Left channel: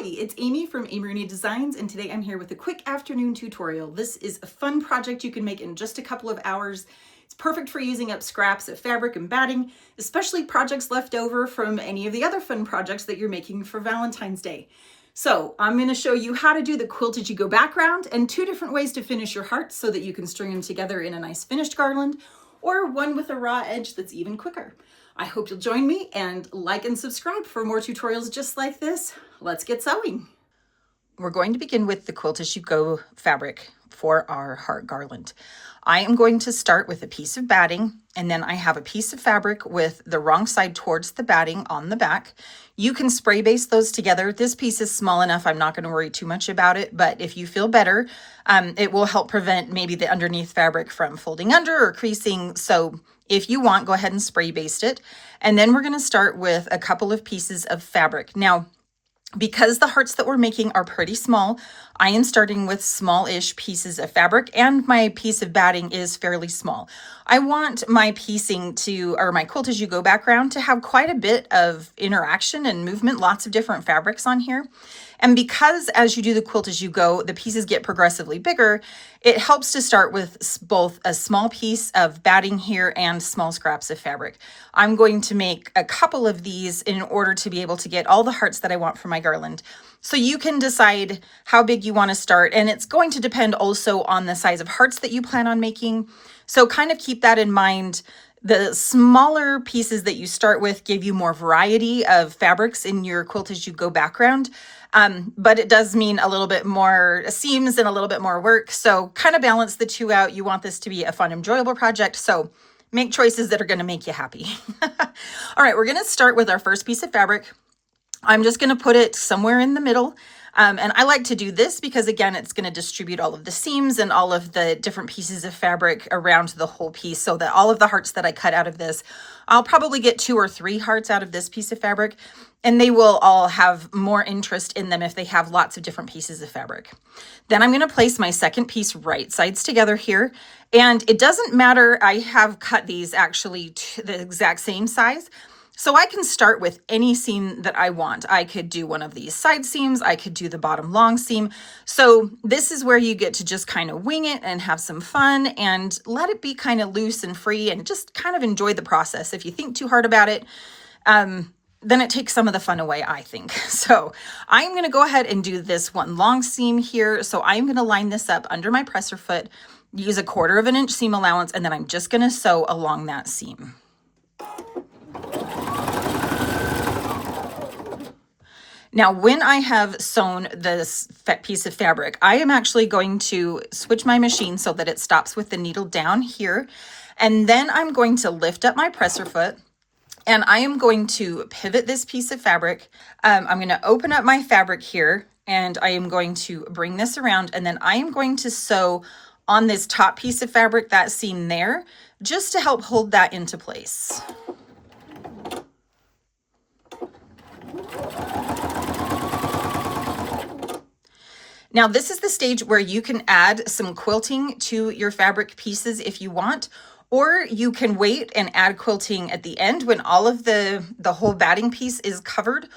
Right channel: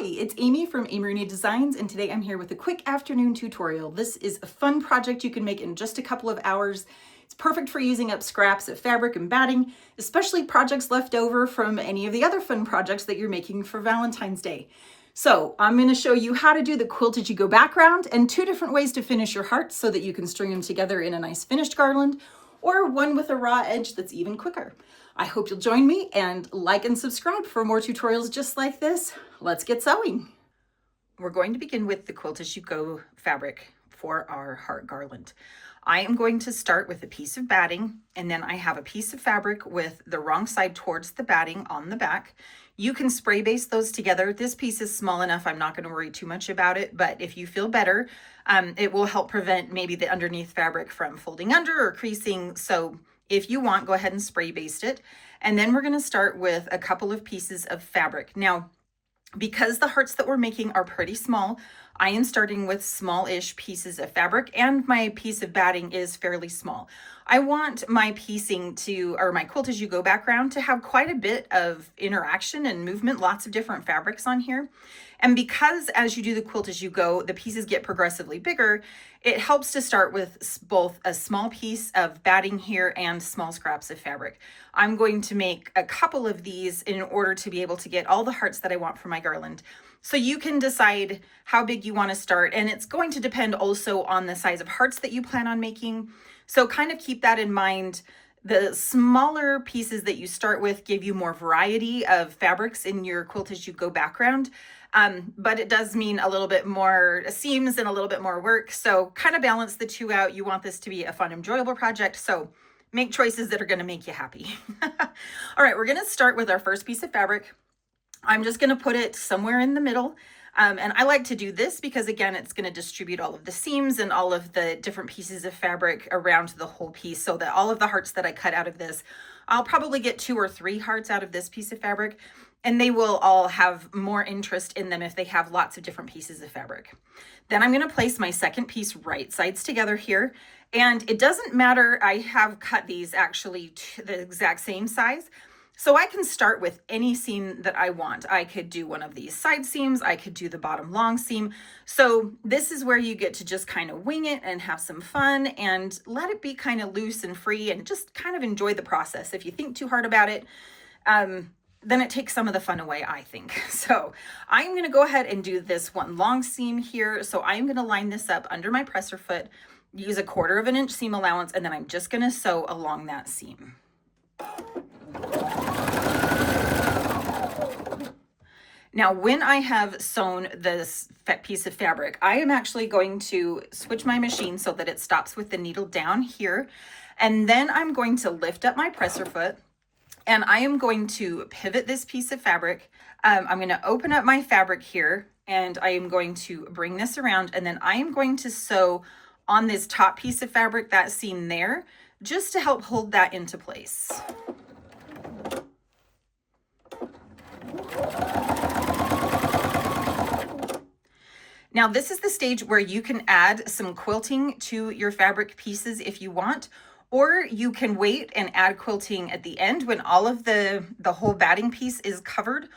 Hi, it's Amy from Amy Designs, and today I'm here with a quick afternoon tutorial. This is a fun project you can make in just a couple of hours. It's perfect for using up scraps of fabric and batting, especially projects left over from any of the other fun projects that you're making for Valentine's Day. So I'm going to show you how to do the quilt as you go background and two different ways to finish your hearts so that you can string them together in a nice finished garland, or one with a raw edge that's even quicker. I hope you'll join me and like and subscribe for more tutorials just like this. Let's get sewing. We're going to begin with the quilt as you go fabric for our heart garland. I am going to start with a piece of batting, and then I have a piece of fabric with the wrong side towards the batting on the back. You can spray baste those together. This piece is small enough, I'm not going to worry too much about it, but if you feel better, it will help prevent maybe the underneath fabric from folding under or creasing. So if you want, go ahead and spray baste it. And then we're going to start with a couple of pieces of fabric. Now, because the hearts that we're making are pretty small, I am starting with small-ish pieces of fabric, and my piece of batting is fairly small. I want my piecing to, or my quilt as you go background, to have quite a bit of interaction and movement, lots of different fabrics on here. And because as you do the quilt as you go, the pieces get progressively bigger, it helps to start with both a small piece of batting here and small scraps of fabric. I'm going to make a couple of these in order to be able to get all the hearts that I want for my garland. So you can decide how big you want to start, and it's going to depend also on the size of hearts that you plan on making. So kind of keep that in mind. The smaller pieces that you start with give you more variety of fabrics in your quilt as you go background. But it does mean a little bit more seams and a little bit more work. So kind of balance the two out. You want this to be a fun, enjoyable project. So make choices that are going to make you happy. All right, we're going to start with our first piece of fabric. I'm just going to put it somewhere in the middle. And I like to do this because, again, it's going to distribute all of the seams and all of the different pieces of fabric around the whole piece, so that all of the hearts that I cut out of this, I'll probably get 2 or 3 hearts out of this piece of fabric, and they will all have more interest in them if they have lots of different pieces of fabric. Then I'm going to place my second piece right sides together here, and it doesn't matter. I have cut these actually to the exact same size. So I can start with any seam that I want. I could do one of these side seams. I could do the bottom long seam. So this is where you get to just kind of wing it and have some fun and let it be kind of loose and free and just kind of enjoy the process. If you think too hard about it, then it takes some of the fun away, I think. So I'm going to go ahead and do this one long seam here. So I'm going to line this up under my presser foot, use a 1/4 of an inch seam allowance, and then I'm just going to sew along that seam. Now, when I have sewn this piece of fabric, I am actually going to switch my machine so that it stops with the needle down here. And then I'm going to lift up my presser foot, and I am going to pivot this piece of fabric. I'm going to open up my fabric here, and I am going to bring this around, and then I am going to sew on this top piece of fabric, that seam there, just to help hold that into place. Now, this is the stage where you can add some quilting to your fabric pieces if you want, or you can wait and add quilting at the end when all of the whole batting piece is covered,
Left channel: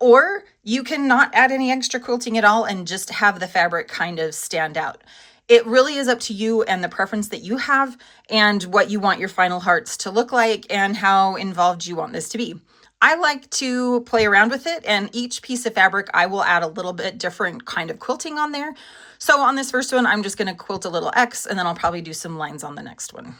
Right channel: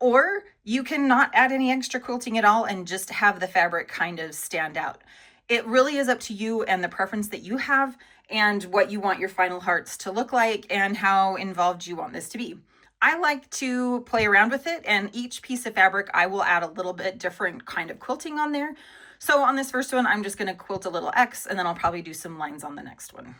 or you can not add any extra quilting at all and just have the fabric kind of stand out. It really is up to you and the preference that you have and what you want your final hearts to look like and how involved you want this to be. I like to play around with it, and each piece of fabric I will add a little bit different kind of quilting on there. So on this first one, I'm just going to quilt a little X, and then I'll probably do some lines on the next one.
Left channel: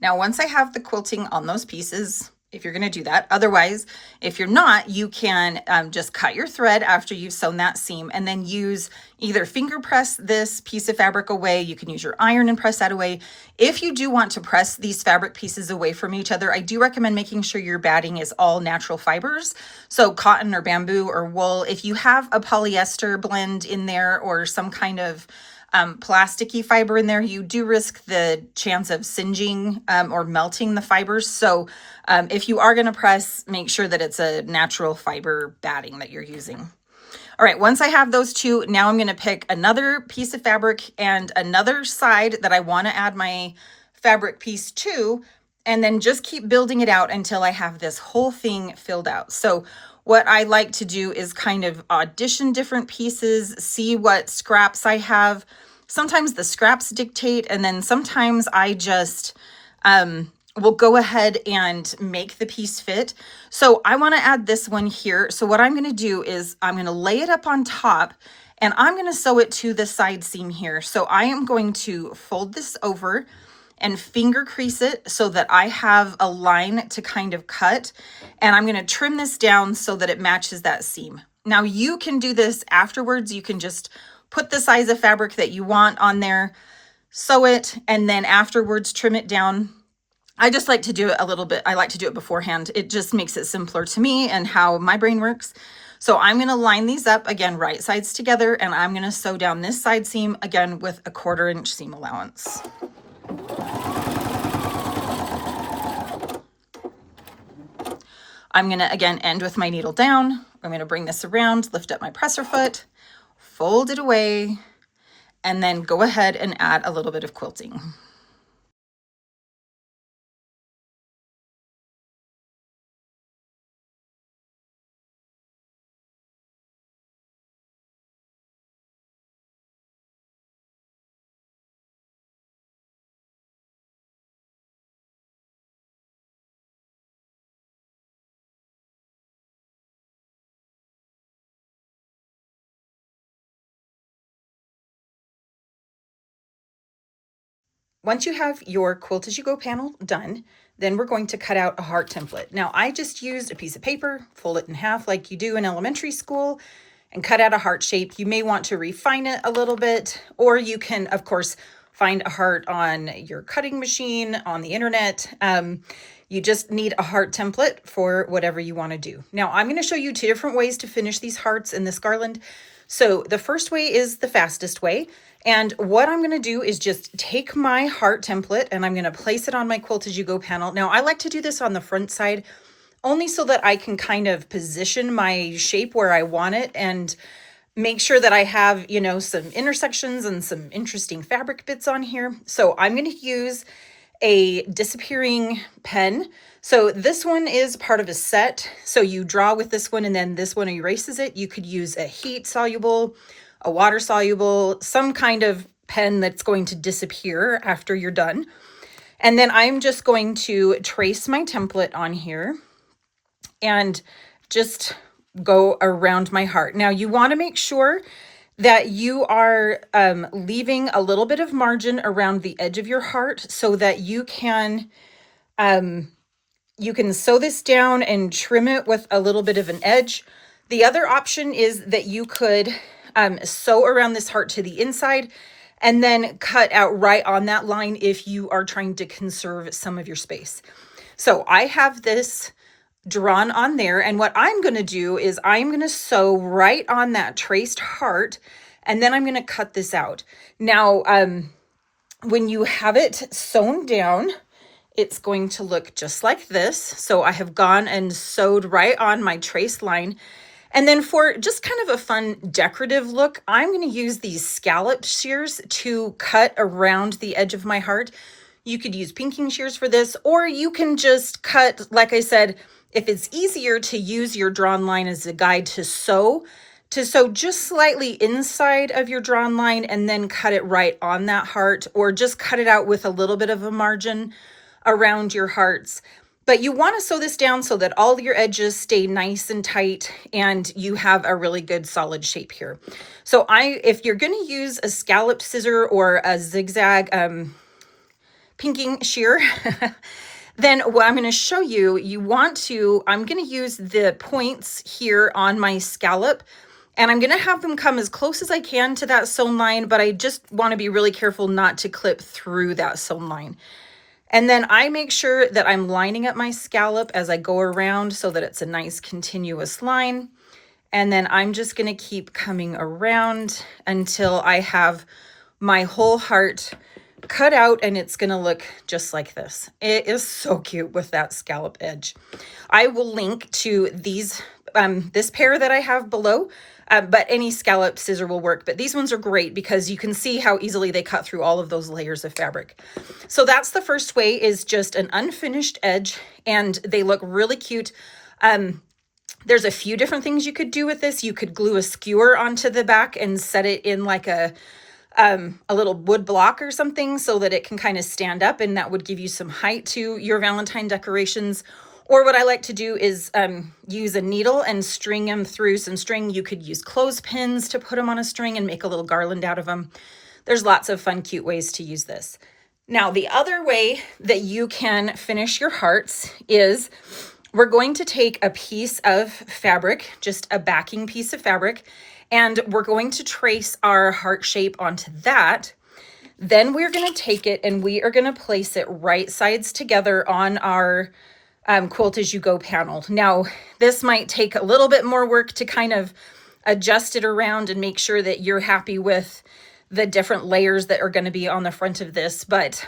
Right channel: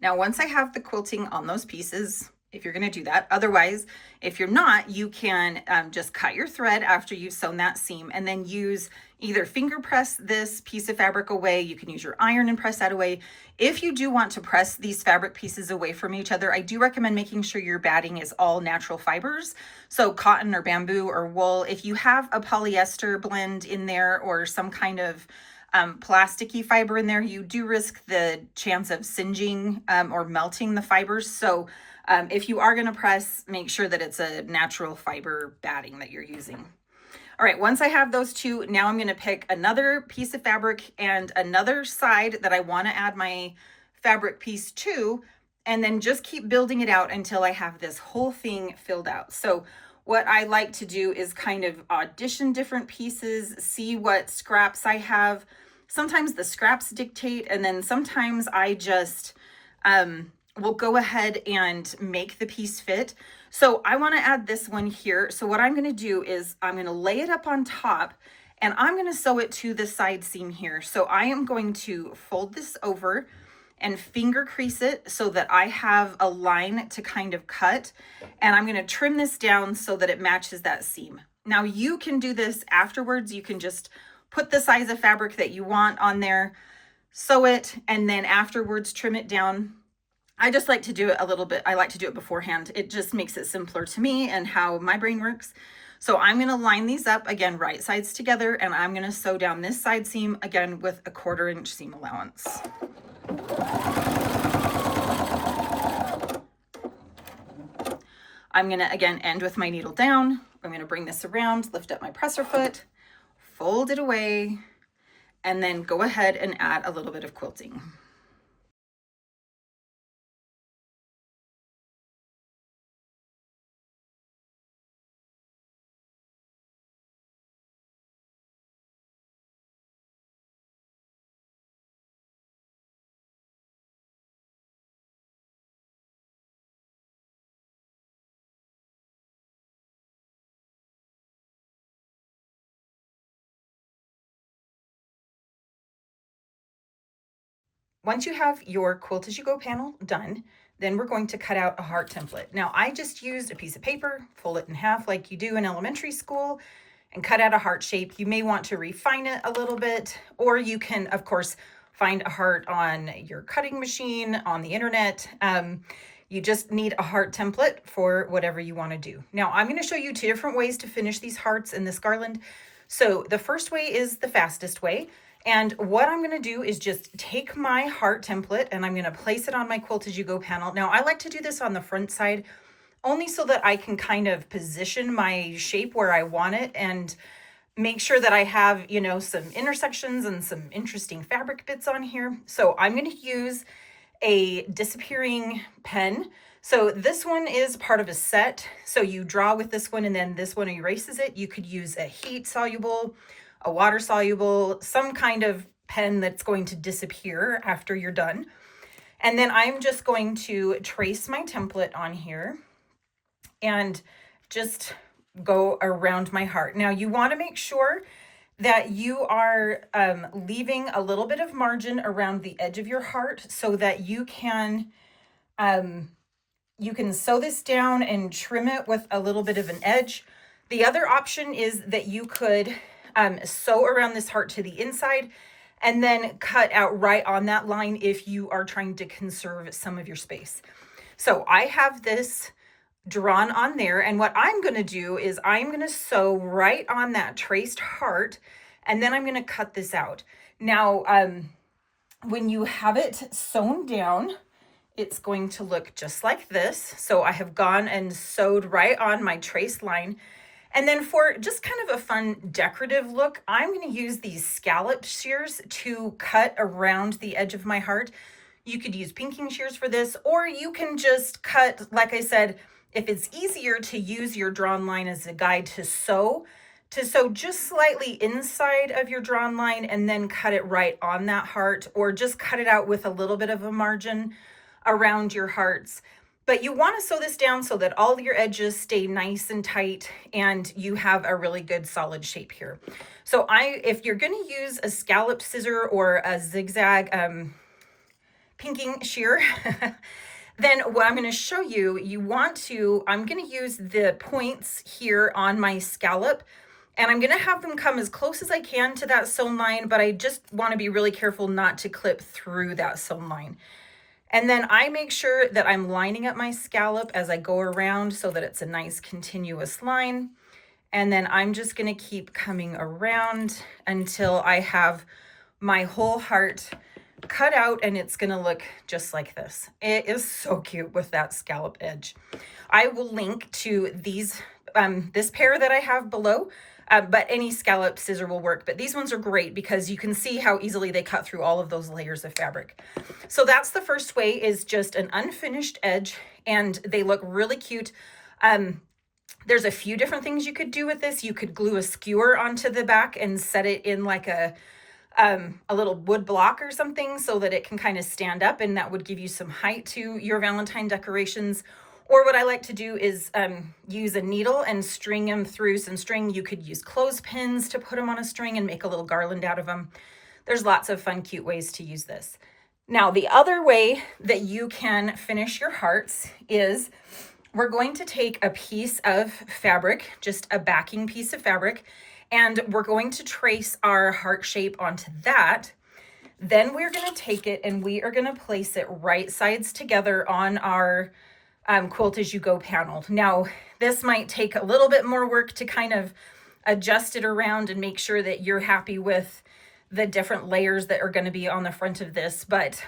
Now, once I have the quilting on those pieces, if you're going to do that, otherwise, if you're not, you can just cut your thread after you've sewn that seam, and then use either finger press this piece of fabric away. You can use your iron and press that away. If you do want to press these fabric pieces away from each other, I do recommend making sure your batting is all natural fibers. So cotton or bamboo or wool. If you have a polyester blend in there or some kind of plasticky fiber in there, you do risk the chance of singeing or melting the fibers. So if you are going to press, make sure that it's a natural fiber batting that you're using. All right, once I have those two, now I'm going to pick another piece of fabric and another side that I want to add my fabric piece to, and then just keep building it out until I have this whole thing filled out. So what I like to do is kind of audition different pieces, see what scraps I have. Sometimes the scraps dictate, and then sometimes I just will go ahead and make the piece fit. So I want to add this one here. So what I'm going to do is I'm going to lay it up on top, and I'm going to sew it to the side seam here. So I am going to fold this over and finger crease it so that I have a line to kind of cut, and I'm going to trim this down so that it matches that seam. Now you can do this afterwards. You can just put the size of fabric that you want on there, sew it, and then afterwards trim it down. I just like to do it a little bit. I like to do it beforehand. It just makes it simpler to me and how my brain works. So I'm going to line these up again, right sides together, and I'm going to sew down this side seam again with a 1/4 inch seam allowance. I'm going to again end with my needle down. I'm going to bring this around, lift up my presser foot, fold it away, and then go ahead and add a little bit of quilting. Once you have your quilt as you go panel done, then we're going to cut out a heart template. Now I just used a piece of paper, fold it in half like you do in elementary school, and cut out a heart shape. You may want to refine it a little bit, or you can, of course, find a heart on your cutting machine, on the internet. You just need a heart template for whatever you want to do. Now I'm going to show you 2 different ways to finish these hearts in this garland. So the first way is the fastest way. And what I'm going to do is just take my heart template and I'm going to place it on my quilt as you go panel. Now I like to do this on the front side only so that I can kind of position my shape where I want it and make sure that I have, you know, some intersections and some interesting fabric bits on here. So I'm going to use a disappearing pen. So this one is part of a set. So you draw with this one and then this one erases it. You could use a heat soluble, a water soluble, some kind of pen that's going to disappear after you're done. And then I'm just going to trace my template on here and just go around my heart. Now you want to make sure that you are leaving a little bit of margin around the edge of your heart so that you can sew this down and trim it with a little bit of an edge. The other option is that you could sew around this heart to the inside and then cut out right on that line if you are trying to conserve some of your space. So I have this drawn on there, and what I'm going to do is I'm going to sew right on that traced heart, and then I'm going to cut this out. Now, when you have it sewn down, it's going to look just like this. So I have gone and sewed right on my traced line. And then for just kind of a fun decorative look, I'm going to use these scallop shears to cut around the edge of my heart. You could use pinking shears for this, or you can just cut, like I said, if it's easier to use your drawn line as a guide to sew just slightly inside of your drawn line and then cut it right on that heart, or just cut it out with a little bit of a margin around your hearts. But you want to sew this down so that all your edges stay nice and tight and you have a really good solid shape here. So if you're going to use a scalloped scissor or a zigzag pinking shear, then what I'm going to show you, I'm going to use the points here on my scallop, and I'm going to have them come as close as I can to that sewn line, but I just want to be really careful not to clip through that sewn line. And then I make sure that I'm lining up my scallop as I go around so that it's a nice continuous line. And then I'm just going to keep coming around until I have my whole heart cut out, and it's gonna look just like this. It is so cute with that scallop edge. I will link to these, this pair that I have below, but any scallop scissor will work. But these ones are great because you can see how easily they cut through all of those layers of fabric. So that's the first way, is just an unfinished edge, and they look really cute. There's a few different things you could do with this. You could glue a skewer onto the back and set it in like a little wood block or something so that it can kind of stand up, and that would give you some height to your Valentine decorations. Or what I like to do is use a needle and string them through some string. You could use clothespins to put them on a string and make a little garland out of them. There's lots of fun, cute ways to use this. Now, the other way that you can finish your hearts is we're going to take a piece of fabric, just a backing piece of fabric, and we're going to trace our heart shape onto that. Then we're going to take it and we are going to place it right sides together on our quilt as you go panel. Now, this might take a little bit more work to kind of adjust it around and make sure that you're happy with the different layers that are going to be on the front of this, but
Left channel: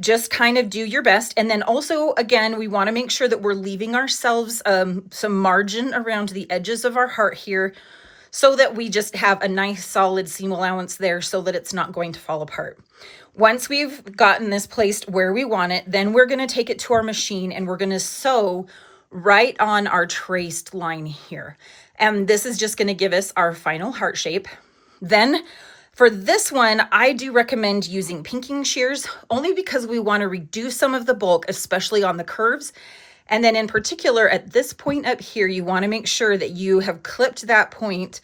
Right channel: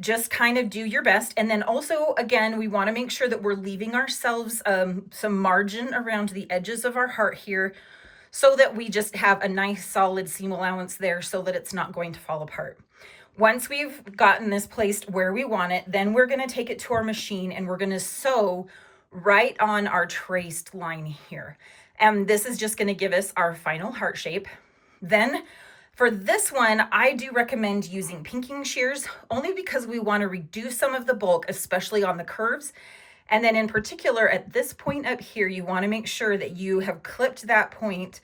just kind of do your best. And then also, again, we want to make sure that we're leaving ourselves some margin around the edges of our heart here, so that we just have a nice solid seam allowance there so that it's not going to fall apart. Once we've gotten this placed where we want it, then we're going to take it to our machine and we're going to sew right on our traced line here. And this is just going to give us our final heart shape. Then for this one, I do recommend using pinking shears, only because we want to reduce some of the bulk, especially on the curves. And then in particular, at this point up here, you want to make sure that you have clipped that point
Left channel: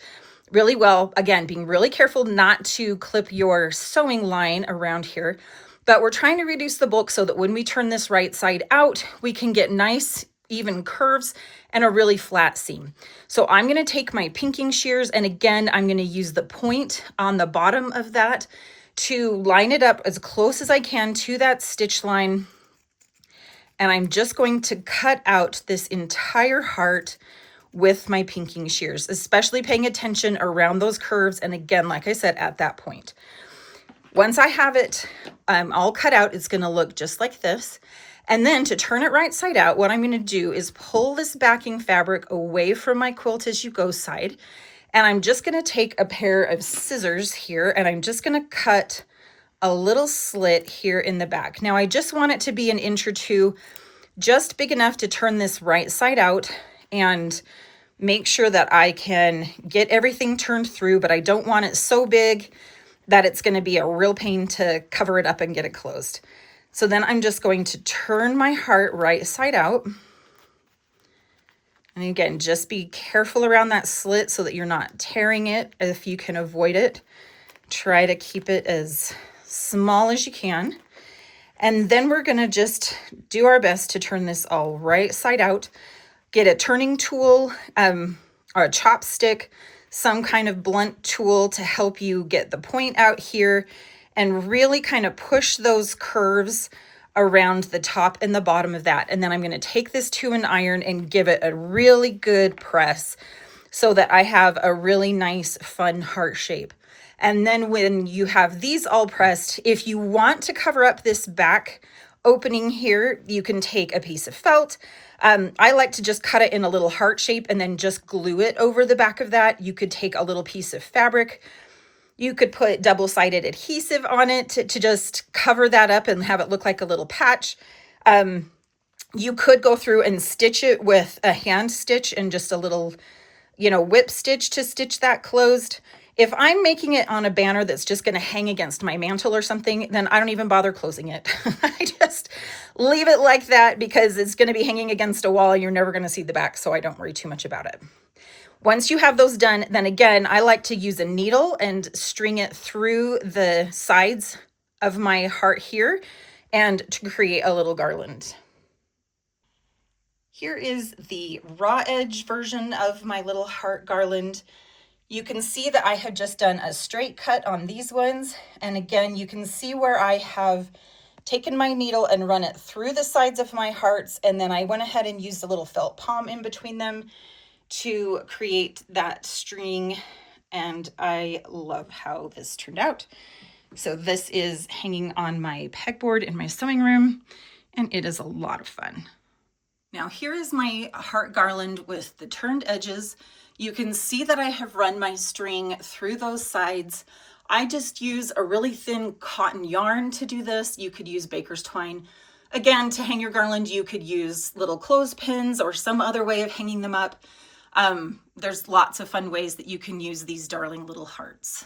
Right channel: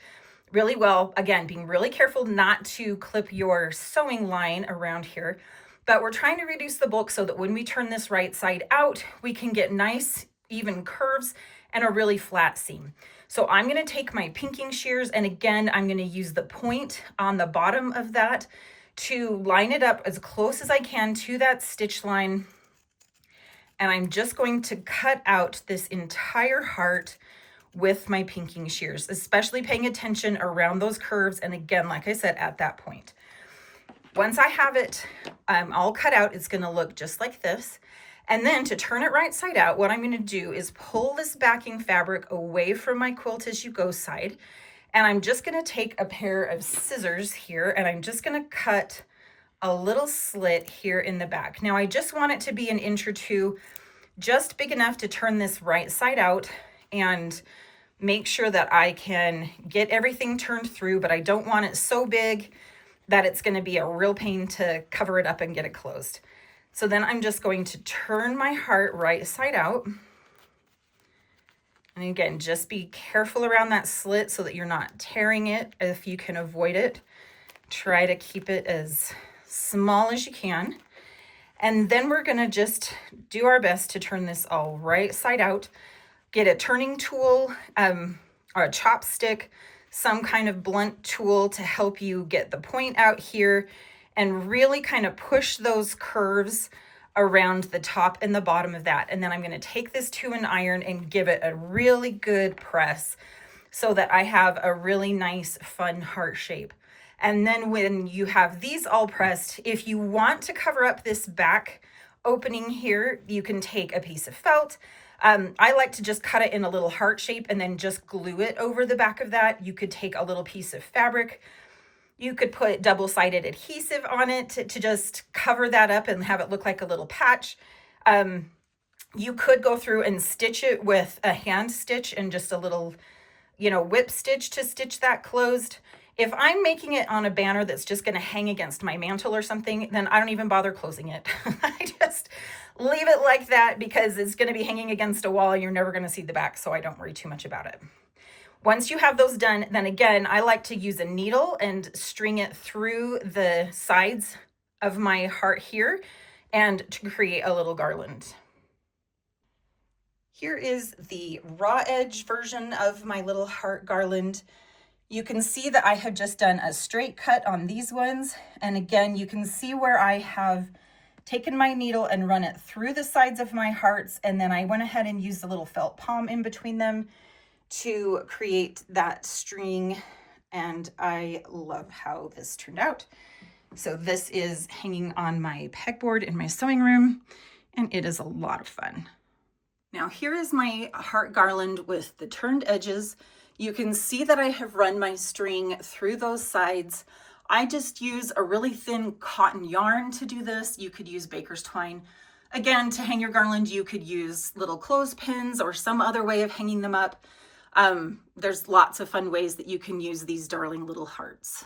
really well. Again, being really careful not to clip your sewing line around here, but we're trying to reduce the bulk so that when we turn this right side out, we can get nice, even curves and a really flat seam. So I'm going to take my pinking shears, and again, I'm going to use the point on the bottom of that to line it up as close as I can to that stitch line. And I'm just going to cut out this entire heart with my pinking shears, especially paying attention around those curves. And again, like I said, at that point, once I have it all cut out, it's going to look just like this. And then to turn it right side out, what I'm going to do is pull this backing fabric away from my quilt as you go side. And I'm just going to take a pair of scissors here, and I'm just going to cut a little slit here in the back. Now I just want it to be 1 inch or 2, just big enough to turn this right side out and make sure that I can get everything turned through, but I don't want it so big that it's going to be a real pain to cover it up and get it closed. So then I'm just going to turn my heart right side out. And again, just be careful around that slit so that you're not tearing it. If you can avoid it, try to keep it as small as you can. And then we're going to just do our best to turn this all right side out. Get a turning tool or a chopstick, some kind of blunt tool to help you get the point out here and really kind of push those curves around the top and the bottom of that. And then I'm going to take this to an iron and give it a really good press so that I have a really nice, fun heart shape. And then when you have these all pressed, if you want to cover up this back opening here, you can take a piece of felt. I like to just cut it in a little heart shape and then just glue it over the back of that. You could take a little piece of fabric. You could put double-sided adhesive on it to just cover that up and have it look like a little patch. You could go through and stitch it with a hand stitch and just a little, whip stitch to stitch that closed. If I'm making it on a banner that's just going to hang against my mantle or something, then I don't even bother closing it. I just leave it like that because it's going to be hanging against a wall and you're never going to see the back, so I don't worry too much about it. Once you have those done, then again, I like to use a needle and string it through the sides of my heart here and to create a little garland. Here is the raw edge version of my little heart garland. You can see that I had just done a straight cut on these ones. And again, you can see where I have taken my needle and run it through the sides of my hearts. And then I went ahead and used a little felt palm in between them to create that string and I love how this turned out. So this is hanging on my pegboard in my sewing room, and it is a lot of fun. Now here is my heart garland with the turned edges. You can see that I have run my string through those sides. I just use a really thin cotton yarn to do this. You could use baker's twine. Again, to hang your garland, you could use little clothespins or some other way of hanging them up. There's lots of fun ways that you can use these darling little hearts.